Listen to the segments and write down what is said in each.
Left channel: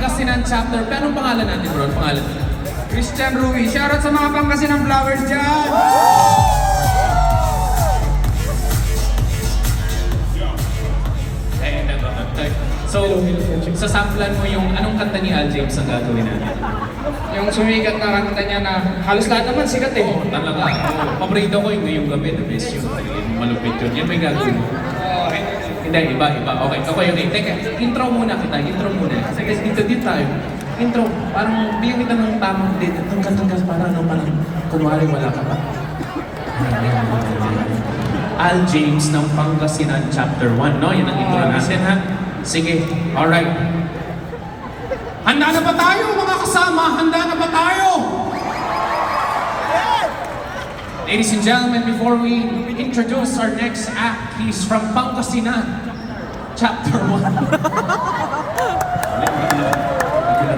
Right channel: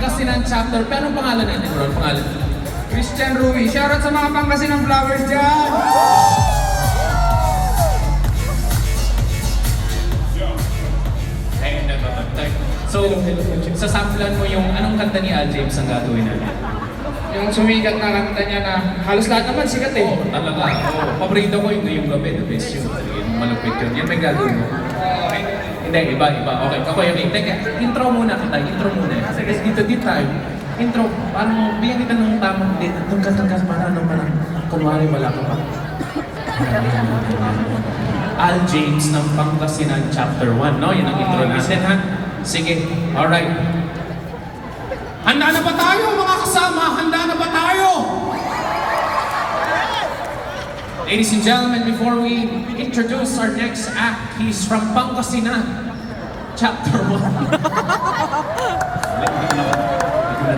Pangasinan chapter. Pero anong pangalan natin, bro? Pangalan? Christian Rui. Shoutout sa mga Pangasinan Flowers dyan! So, sasamplan mo yung anong kanta ni Al James ang gagawin natin? Yung sumikat na kanta niya na halos lahat naman sikat eh. Oo, talaga. Oo. Paborito ko yung gabi, the best yun. Yung malupit yun. Yan may gagawin mo. Hindi, iba. Okay. Teka, intro muna kita. Intro muna. Kasi dito tayo. Intro, parang bigyan kita ng tamang date. Itong kanta parang kunwari wala ka pa. Al James ng Pangasinan Chapter 1, no? Yan ang intro natin, ha? Sige, alright. Handa na ba tayo, mga kasama? Handa na ba tayo? Ladies and gentlemen, before we introduce our next act, he's from Pangasinan Chapter 1.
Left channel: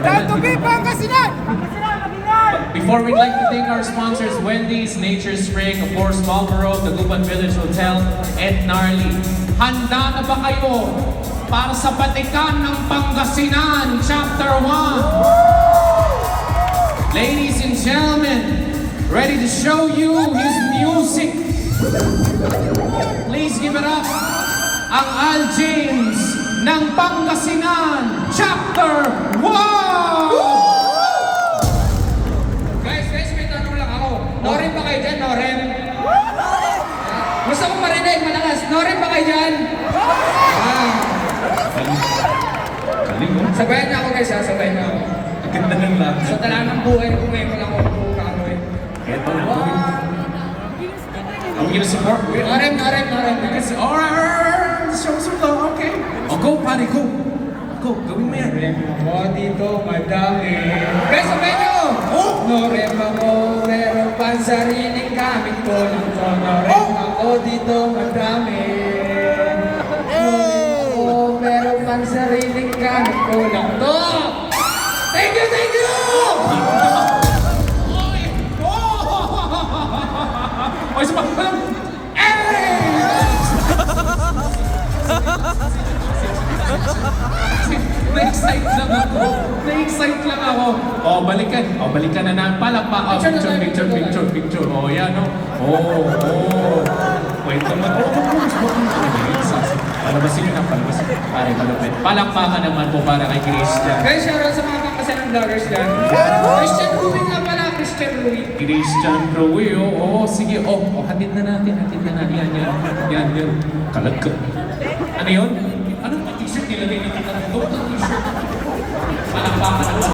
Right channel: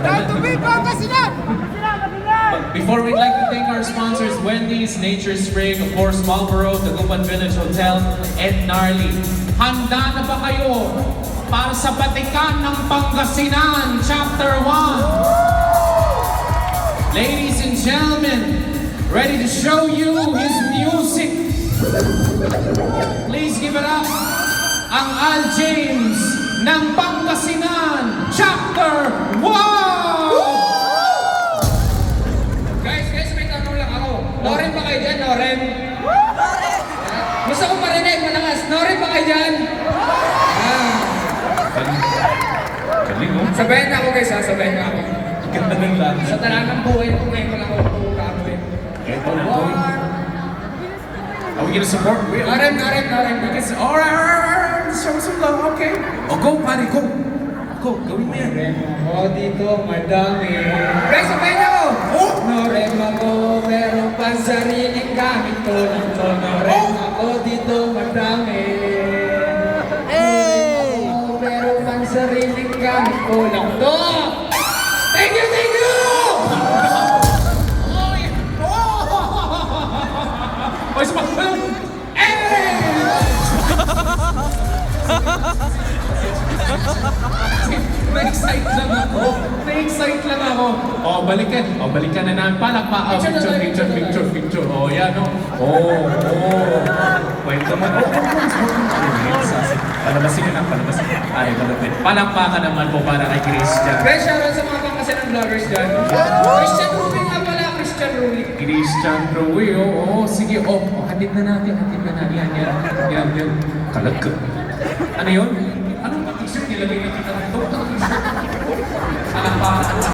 Time to be Pangasinan! Before we'd like to thank our sponsors, Wendy's, Nature Spring, of course, Marlboro, Taguban Village Hotel, and Gnarly. Handa na ba kayo para sa Batikan ng Pangasinan, Chapter 1? Ladies and gentlemen, ready to show you his music. Please give it up, ang Al James ng Pangasinan, Chapter 1! Noren ba kayo dyan? Noren? Gusto ko marinig, malakas. Noren ba kayo dyan? Galing mo. Sabayan na ako guys ha, sabayan na ako. Ang ganda ng lahat. Sa talangang buhay ko ngayon ko lang ako kung kano eh. Ito. Are we gonna support? Noren. Because, alright, show some love, okay. Oh, go, pare, go. Go, gawin mo yan. Noren ako dito, madami. Guys, sabayan na ako! Noren ako, pero pansariling gamit ko lang to. Noren ako dito, madami. Noren ako, pero pansariling gamit ko lang to. Thank you! Oy, sa pagpapal! Na-excite lang ako. Oh, balikan na namin. Palakpa. Oh, picture. Oh, yan, oh. Kwento mo. Palabasin yun ang palabasin. Ay, malapit. Palakpakan naman po para kay Christian. Guys, shoutout sa mga Pangasinan vloggers dyan. Christian Rui nga pala, Christian Rui. Christian Rui, oh, sige, hatid na natin. Yan. Kalag ka. Ano yun? Anong t-shirt nilagay na kita? T-shirt. Palakpakan naman.